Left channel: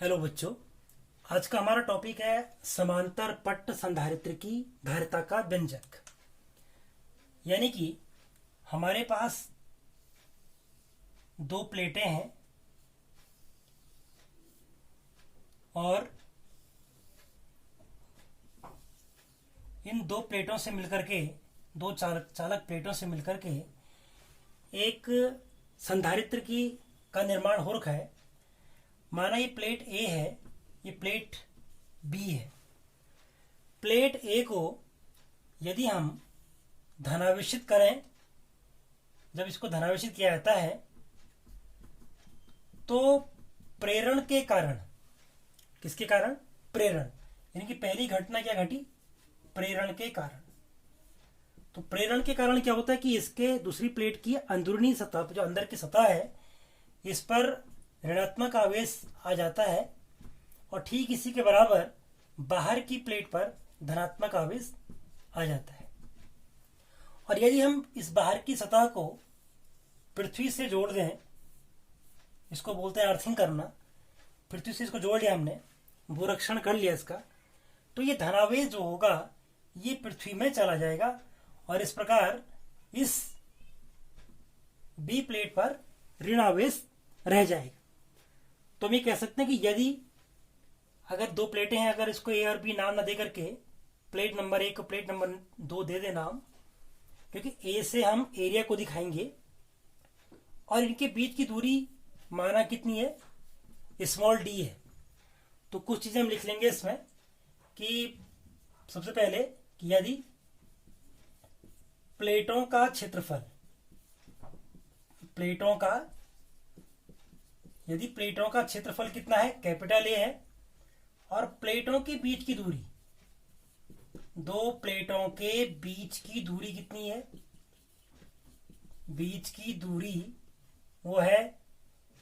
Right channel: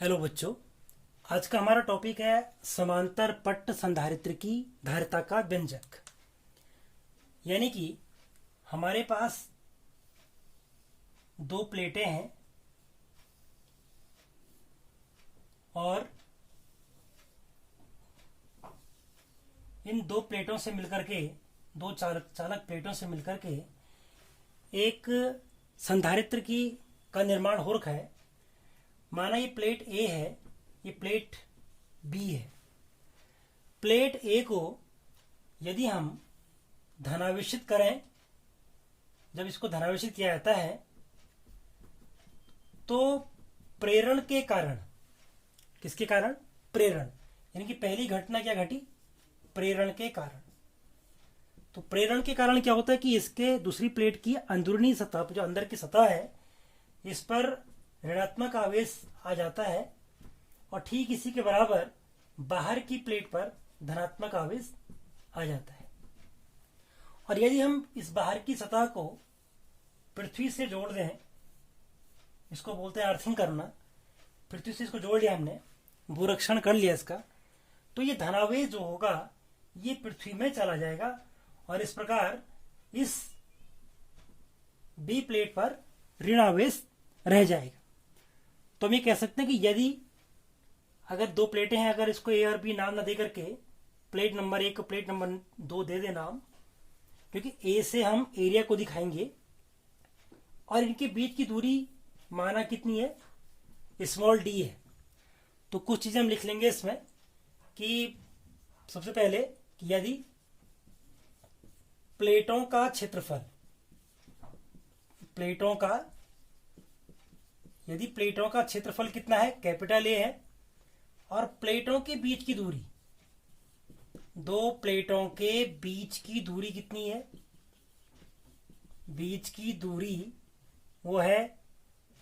Hello बच्चों, आज का हमारा टॉपिक है समांतर पट्ट संधारित्र की धारिता का व्यंजक। यानी कि हमारे पास दो प्लेटें हैं और इन दो प्लेटों से मिलकर के दो चालक प्लेटों से मिलकर के एक संधारित्र की का निर्माण हो रखा है। माना ये प्लेट ए है, ये प्लेट बी है। प्लेट ए को यदि हम धनावेशित करें, जब इसको धनावेशित किया जाता है तो प्रेरण के कारण, किसके कारण? प्रेरण, यानी कि पहली घटना क्या घटी? प्रेरण के कारण। तो प्रेरण के कारण क्या होता है कि इसके दूसरी प्लेट की अंदरूनी सतह, जो अंदर की सतह है, इस पर ऋणात्मक आवेश आ जाता है और ठीक इसी के बराबर बाहर की प्लेट पर धनात्मक आवेश आ जाता है। और यदि हम इस बाहर की सतह को पृथ्वी से जोड़ दें, इसको बोलते हैं अर्थिंग करना, पृथ्वी से इसको जोड़ लिया हमने, भूरक्षण कर लिया इसका, तो ये धनावेश जो होगा ये पृथ्वी में चला जाएगा और इस प्रकार इस बी प्लेट पर ऋण आवेश रह जाएगा। तो हम ये कह सकते हैं कि यदि अगर दो प्लेटें हैं, अगर इसको ए और बी नाम ना दे करके प्लेट नंबर 1 को प्लेट नंबर 2 दे दे नाम, क्योंकि ए से हम एरिया को दिखाएंगे और इनके बीच की दूरी माना कितनी है? स्मॉल डी है। तो कुछ चीजें हम लिख लेंगे इसमें कि सबसे पहले कि यदि प्लेटों का क्षेत्रफल, यदि प्लेटों का क्षेत्रफल कितना है? कैपिटल ए है। और प्लेटों के बीच की दूरी, दो प्लेटों के बीच की दूरी कितनी है? बीच की दूरी वो है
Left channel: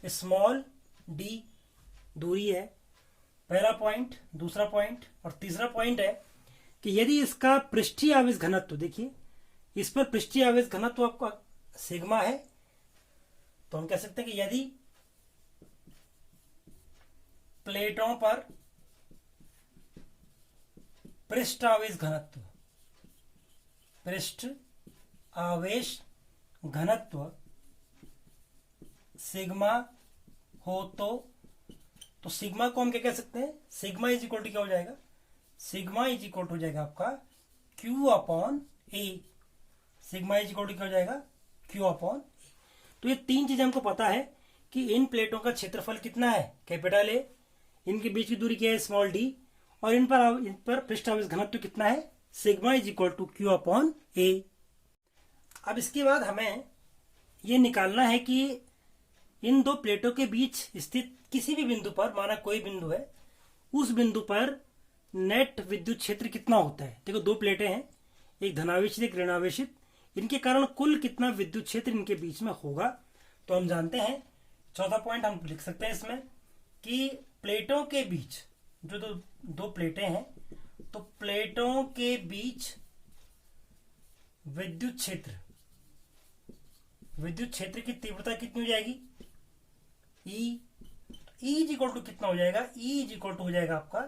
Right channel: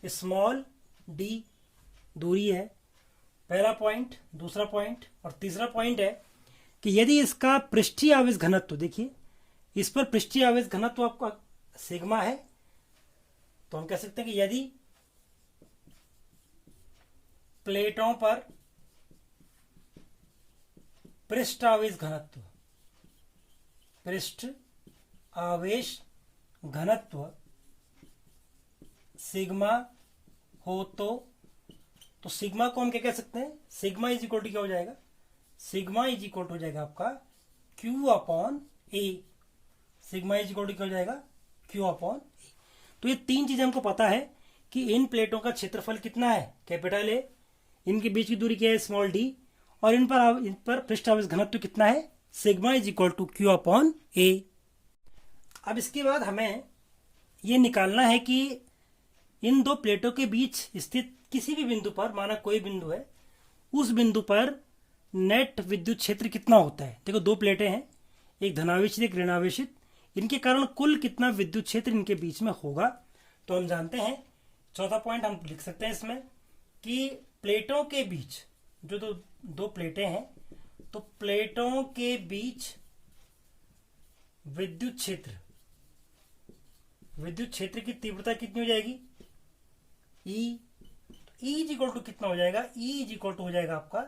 स्मॉल डी दूरी है। पहला पॉइंट। दूसरा पॉइंट और तीसरा पॉइंट है कि यदि इसका पृष्ठीय आवेश घनत्व, देखिए इस पर पृष्ठीय आवेश घनत्व आपका सिग्मा है, तो हम कह सकते हैं कि यदि प्लेटों पर पृष्ठ आवेश घनत्व सिग्मा हो तो सिग्मा को हम क्या कह सकते हैं? सिग्मा इज इक्वल टू क्या हो जाएगा? सिग्मा इज इक्वल टू हो जाएगा आपका q upon A. Sigma is equal to क्या हो जाएगा? Q upon A. तो ये तीन चीजें हमको पता है कि इन प्लेटों का क्षेत्रफल कितना है? कैपिटल ए, इनके बीच की दूरी क्या है? स्मॉल डी, और इन पर पृष्ठ आवेश घनत्व कितना है? Sigma is equal to Q upon A. अब इसके बाद हमें ये निकालना है कि इन दो प्लेटों के बीच स्थित किसी भी बिंदु पर, माना कोई बिंदु है, उस बिंदु पर नेट विद्युत क्षेत्र कितना होता है। देखो दो प्लेटें हैं, एक धनावेशित एक ऋणावेशित, इनके कारण कुल कितना विद्युत क्षेत्र इनके बीच में होगा। तो हम जानते हैं, चौथा पॉइंट हम लिख सकते हैं इसमें कि प्लेटों के बीच जो दो प्लेटें हैं, तो प्लेटों के बीच विद्युत क्षेत्र की तीव्रता कितनी हो जाएगी? ई इज इक्वल टू कितना हो जाएगा? ई इज इक्वल टू हो जाएगा आपका,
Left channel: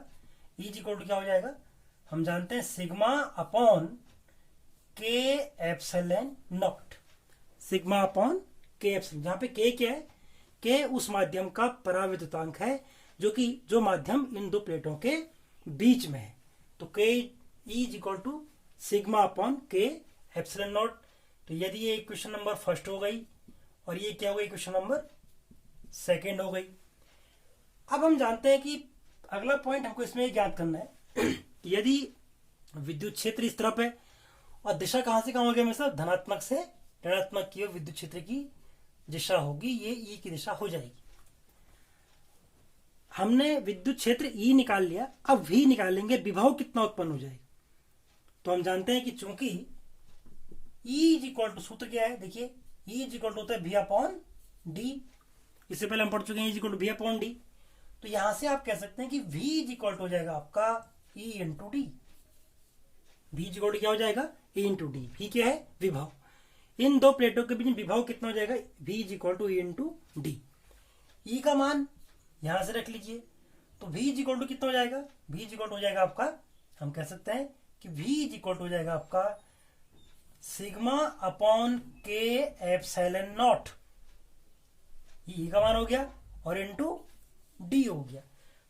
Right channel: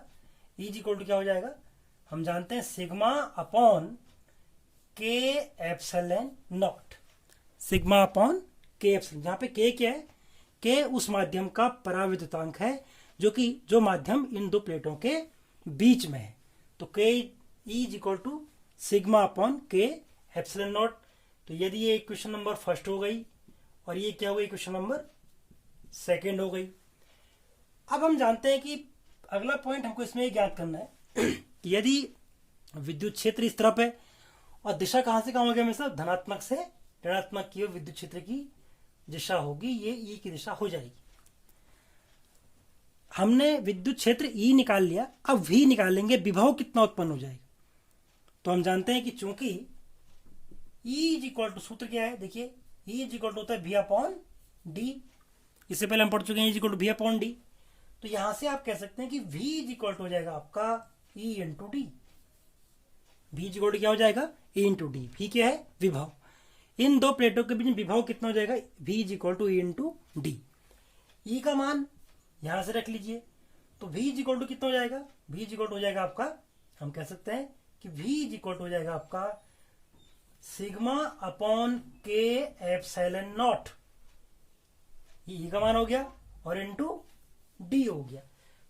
ई इज इक्वल टू क्या हो जाएगा? हम जानते हैं sigma upon K epsilon not. Sigma upon K epsilon, जहां पे के क्या है? के उस माध्यम का पराविद्युतांक है जो माध्यम इन दो प्लेटों के बीच में है। तो K is equal to sigma upon K epsilon naught. तो यदि ये इक्वेशन नंबर फर्स्ट हो गई और ये क्या हो गई? इक्वेशन नंबर सेकेंड हो गई। अब हम जानते हैं कि अगला पॉइंट हमको इसमें ज्ञात करना है कि यदि विद्युत क्षेत्र इस तरफ है और दिशा कहां से कहां होगी? हमेशा धनात्मक से ऋणात्मक की ओर विद्युत क्षेत्र की दिशा होगी, ये ई की दिशा हो जाएगी। हमने विद्युत क्षेत्र ई निकाल लिया, अब वी निकालेंगे, विभव कितना उत्पन्न हो जाएगा। तो हम जानते हैं कि चूंकि ई इज इक्वल टू, सूत्र क्या है? देखिए ई इज इक्वल टू होता है वी अपॉन डी। इससे पहले हम पढ़ चुके हैं is equal to V upon d. तो यहां से आप कह सकते हैं कि वी इज इक्वल टू हो जाएगा आपका E into d. V is equal to क्या हो जाएगा? ई इंटू डी। वी क्या है? विभव। इन दो प्लेटों के बीच विभव कितना हो जाएगा? V is equal to E into D. E का मान यहां से रख लीजिए, तो v इज इक्वल टू कितना हो जाएगा, v इज इक्वल टू हो जाएगा आपका, हम कह सकते हैं कि v इज इक्वल टू हो जाएगा आपका sigma upon K epsilon not, ई का मान हो गया और इनटू डी हो गया।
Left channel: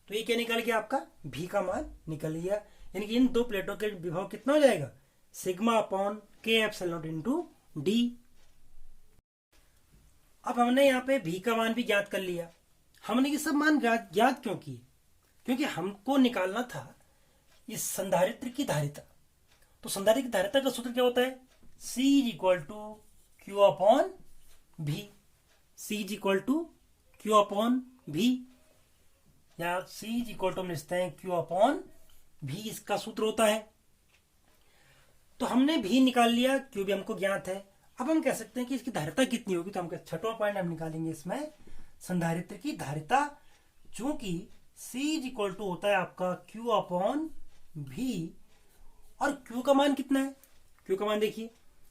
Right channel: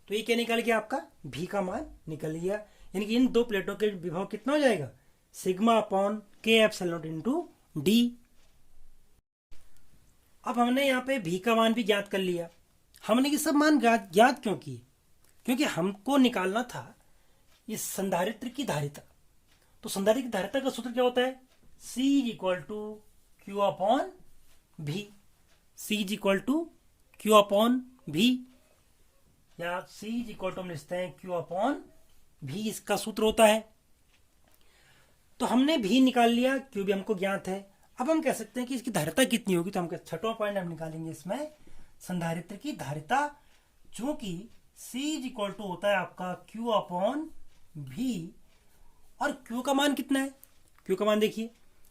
तो ये क्या निकल गया आपका, v का मान निकल गया। यानी कि इन दो प्लेटों के विभव कितना हो जाएगा, sigma upon K epsilon not into D. अब हमने यहाँ पे v का मान भी ज्ञात कर लिया। हमने ये सब मान ज्ञात क्यों किए, क्योंकि हमको निकालना था इस संधारित्र की धारिता। तो संधारित्र की धारिता का सूत्र क्या होता है, C is equal to Q upon भी, C is equal to Q upon भी, या C इज इक्वल टू हम लिखते हैं क्यू अपॉन भी, इसका सूत्र होता है। तो हमने भी निकाल लिया, क्यू भी हमको ज्ञात है। अब हम कह सकते हैं कि इसकी धारिता कितनी होगी, तो हम छठवां पॉइंट हम निकालेंगे इसमें संधारित्र की धारिता, चूंकि C इज इक्वल टू होता है आपका Q अपॉन V, और Q का मान कितना है, Q का मान देखिए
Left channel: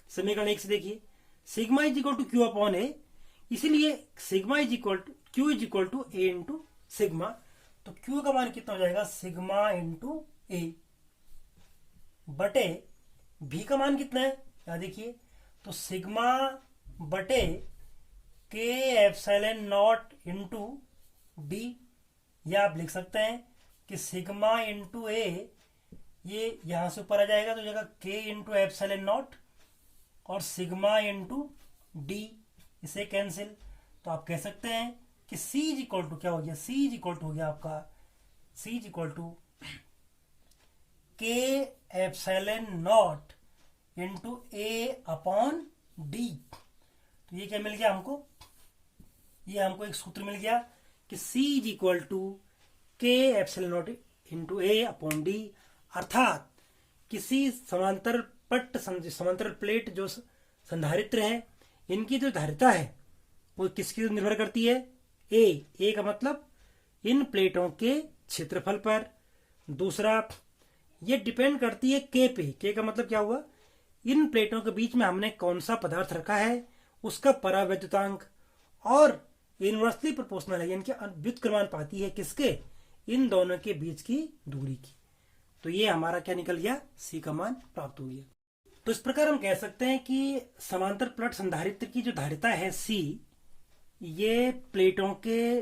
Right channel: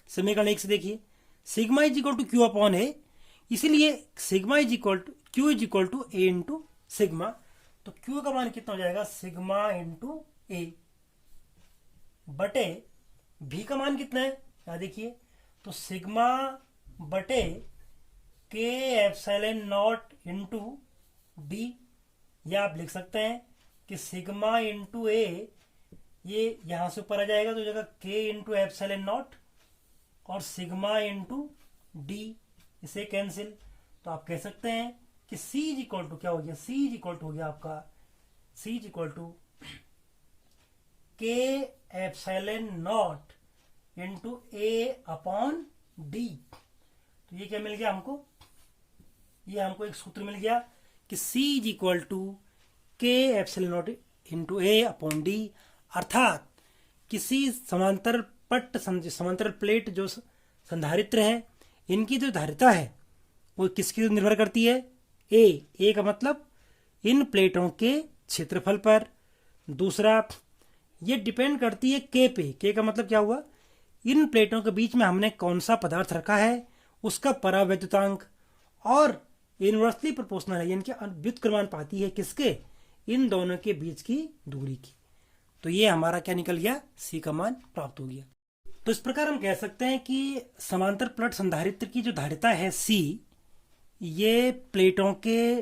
समीकरण 1 से देखिए, sigma is equal to Q upon A, इसीलिए sigma is equal to Q is equal to A into sigma. तो Q का मान कितना हो जाएगा, सिग्मा इंटू A बटे V का मान कितना है, यहां देखिए, तो सिग्मा बटे के एप्सिलॉन नॉट इंटू डी, या आप लिख सकते हैं कि सिग्मा इंटू ए, ये यहां से ऊपर आ जाएगा तो जगह के इंटू एप्सिलॉन नॉट और सिग्मा इंटू डी, इसे कैंसिल। तो आप कह सकते हैं कि C इज इक्वल टू क्या हो गया, C इज इक्वल टू हो गया आपका, C इज इक्वल टू के epsilon not into A upon d. तो ये क्या मिल गया हमको, ये हमको एक सूत्र मिल गया कि C इज इक्वल टू के epsilon not into A upon D, अर्थात किसी समांतर पट्ट समांतर प्लेट जो संधारित्र है, इनकी जो धारिता है वो किसकी निर्भर करती है, ए का मतलब इन प्लेटों के क्षेत्रफल पर। दूसरा, ये डिपेंड करती है के पे, के का मतलब क्या हुआ, इन प्लेटों के बीच में हमने कौन सा पदार्थ रखा है उसका परावैद्युतांक, और इनवर्सली प्रोपोर्शनल है, यानी कि व्युत्क्रमानुपाती है किसके, इन दोनों के बीच की दूरी की। तो ये हमारा क्या निकल गया, C का मान प्राप्त हो गया। तो इस प्रकार हम कह सकते हैं कि समांतर प्लेट संधारित्र की जो धारिता है C, ये प्लेटों के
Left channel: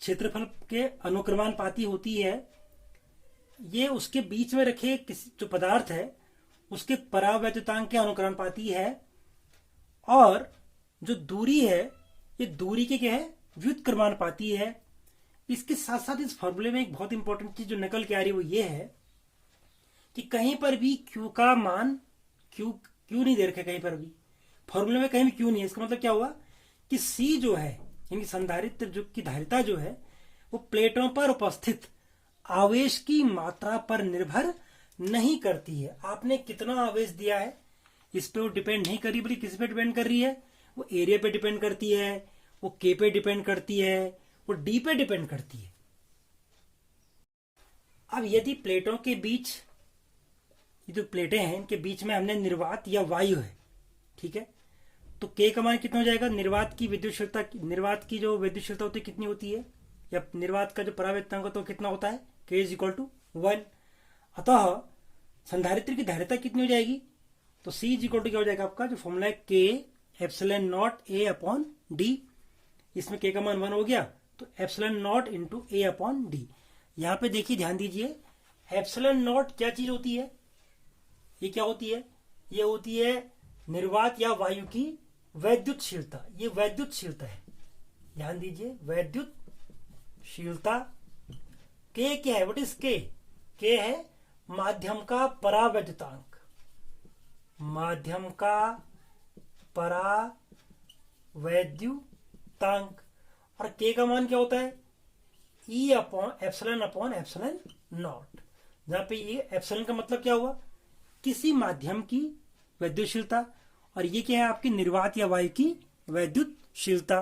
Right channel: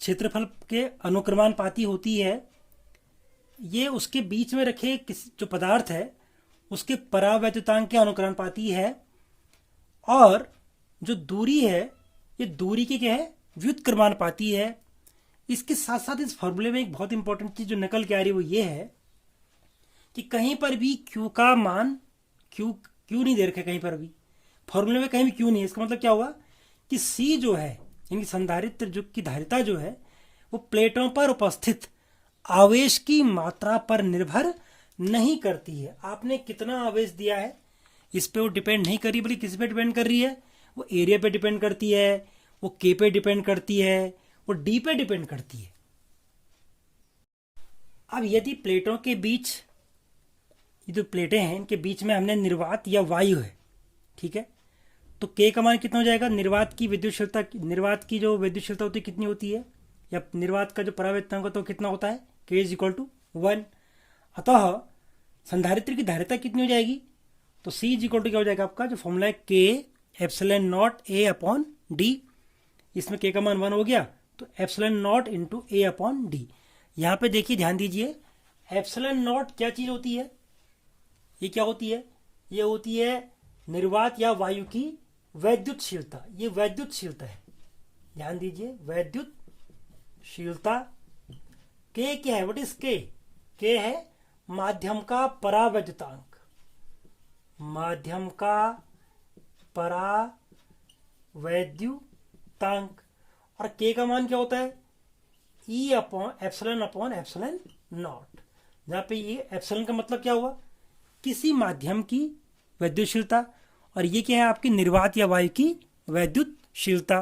क्षेत्रफल के अनुक्रमानुपाती होती है। ये उसके बीच में रखे जो पदार्थ है उसके परावैद्युतांक के अनुक्रमानुपाती है, और जो दूरी है ये दूरी के क्या है, व्युत्क्रमानुपाती है। इसके साथ साथ इस फॉर्मूले में एक बहुत इंपॉर्टेंट चीज जो निकल के आ रही है वो ये है कि कहीं पर भी Q का मान, Q नहीं दे रखा कहीं पर भी, फॉर्मूले में कहीं भी Q नहीं है। इसका मतलब क्या हुआ कि C जो है, यानी संधारित्र जो की धारिता जो है वो प्लेटों पर उपस्थित आवेश की मात्रा पर निर्भर नहीं करती है। आपने कितना आवेश दिया है इस पे वो डिपेंड नहीं कर रही, बल्कि किस पे डिपेंड कर रही है, वो एरिया पे डिपेंड करती है, वो के पे डिपेंड करती है, वो डी पे डिपेंड करती है। अब यदि प्लेटों के बीच, ये जो प्लेटें हैं इनके बीच में हमने निर्वात या वायु है, ठीक है, तो के का मान कितना हो जाएगा, निर्वात की विद्युतशीलता, निर्वात की जो विद्युतशीलता होती है कितनी होती है, या निर्वात का जो परावैद्युतांक होता है कितना होता है, के इज इक्वल टू 1। अतः संधारित्र की धारिता कितनी हो जाएगी, तो C इज इक्वल टू क्या हो जाएगा आपका, जो फॉर्मूला है के epsilon not a upon D, इसमें के का मान 1 हो गया, तो epsilon not into A upon D. यहाँ पे देखिए, ध्यान दीजिए, एप्सिलॉन नॉट क्या चीज होती है, ये क्या होती है, ये होती है निर्वात या वायु की वैद्युतशीलता, ये वैद्युतशीलता है, ध्यान दीजिए, वैद्युतशीलता। के क्या है, व्हाट इज के है माध्यम का परावैद्युतांक, माध्यम का परावैद्युतांक, और के का मान क्या होता है, ई अपॉन एप्सिलॉन नॉट, जहां पे ये एप्सिलॉन का मतलब क्या हुआ, किसी माध्यम की वैद्युतशीलता, और ये क्या है आपकी निर्वात या वायु की वैद्युतशीलता।